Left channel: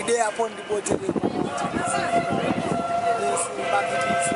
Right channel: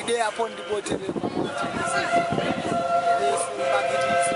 Ide upon the boat of the mountain. This market is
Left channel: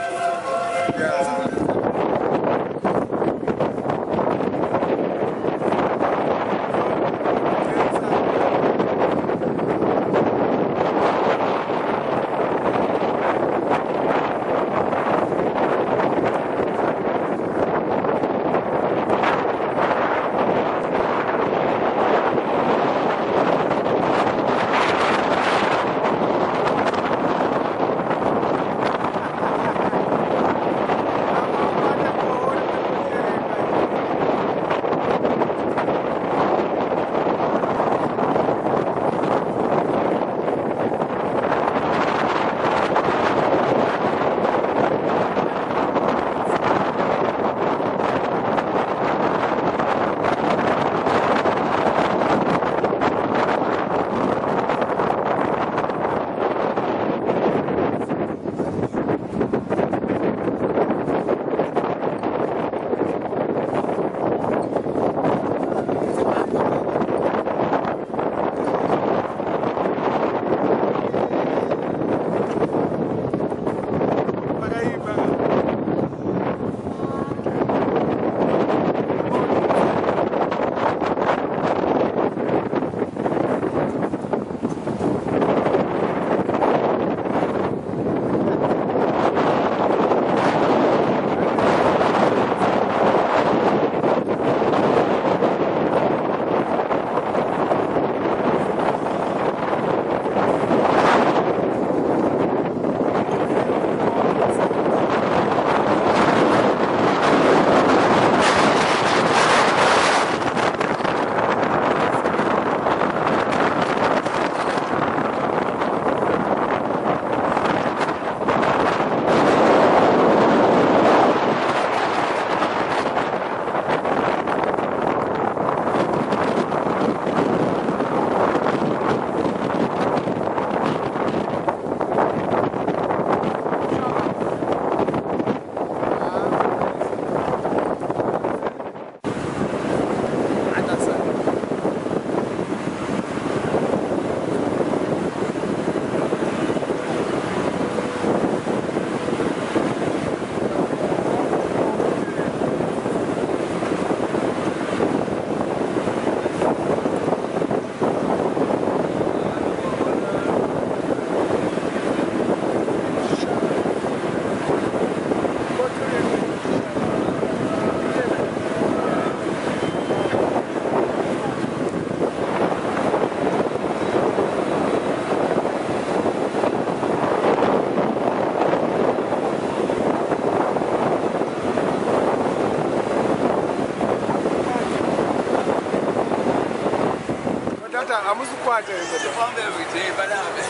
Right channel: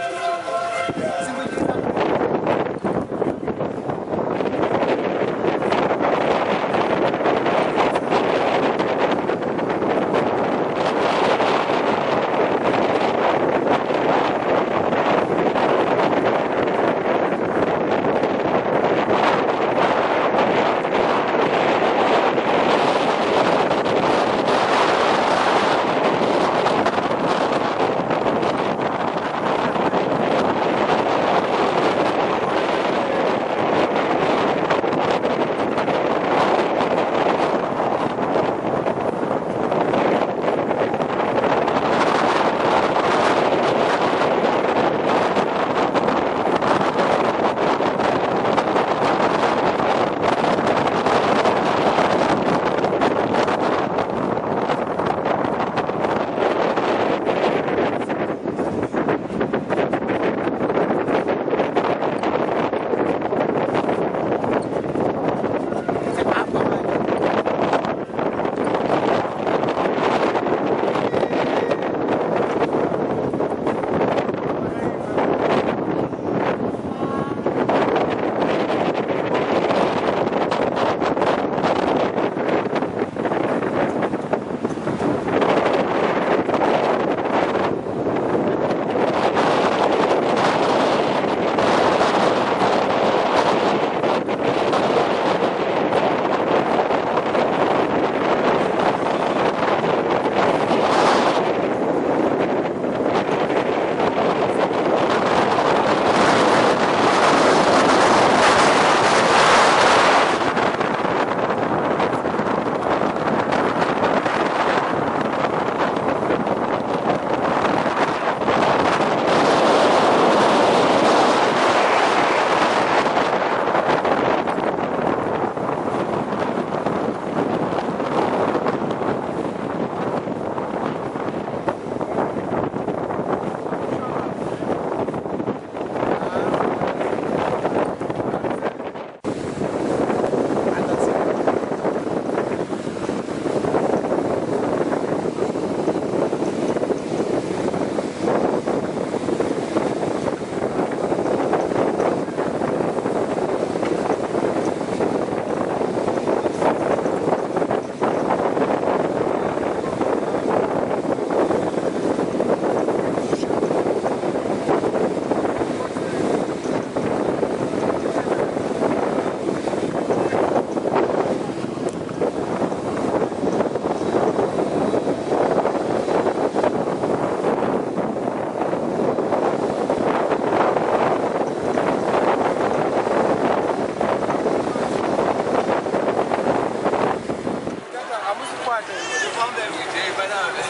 amusikwate Tufambe wije banabe.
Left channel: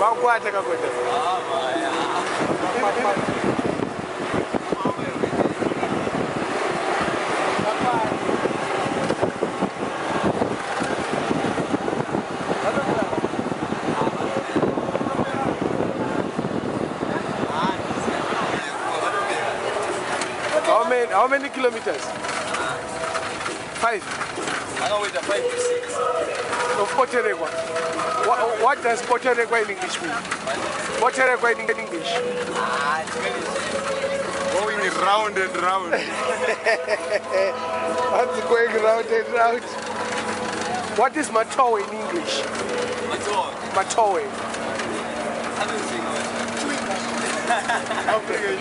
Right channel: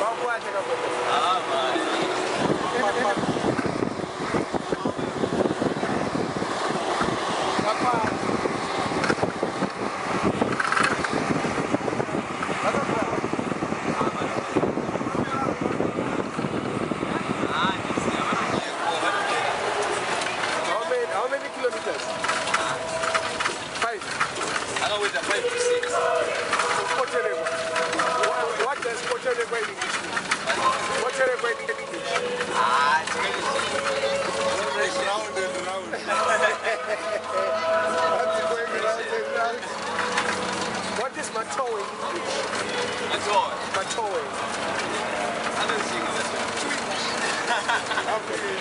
bakwate kakote Maya. How many kilometers? 5. I know with the 5 to 6. So Poteregua. What does Poteregua in English mean? Poteregua in English? Going round and round. That's going round and round. What is Matoe in English? Matoe. Matoe. I don't think of it. Okay.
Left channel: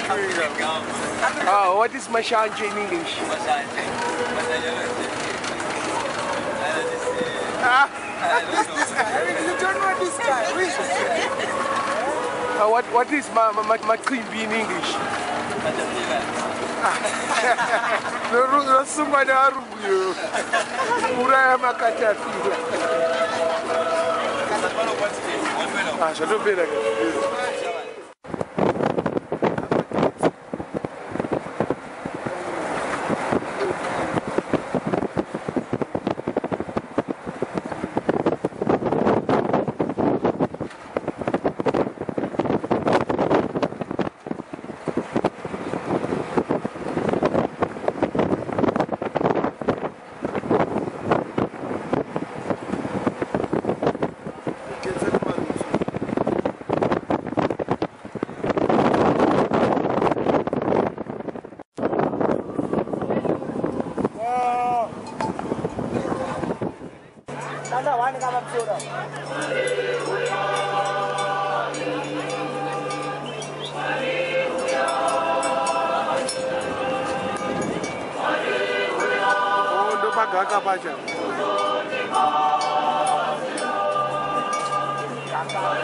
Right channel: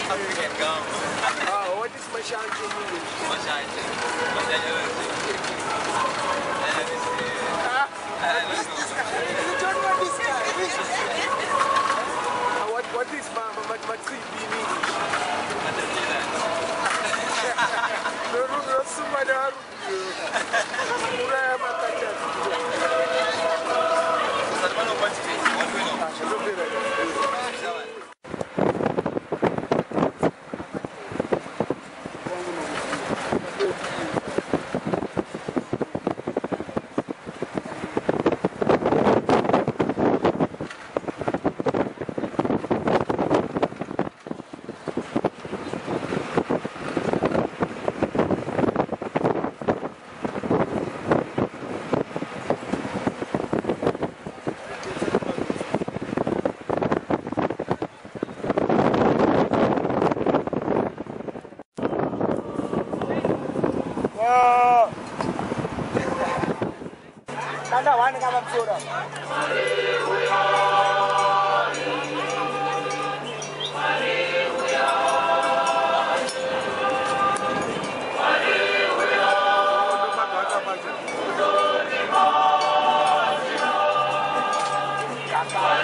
What is Mashanje in English? Mashanje. You don't know this guy. What is Matribi in English? Somebody you. Get Mani kama msura. Oh, ndo magaka pacha. Kakak.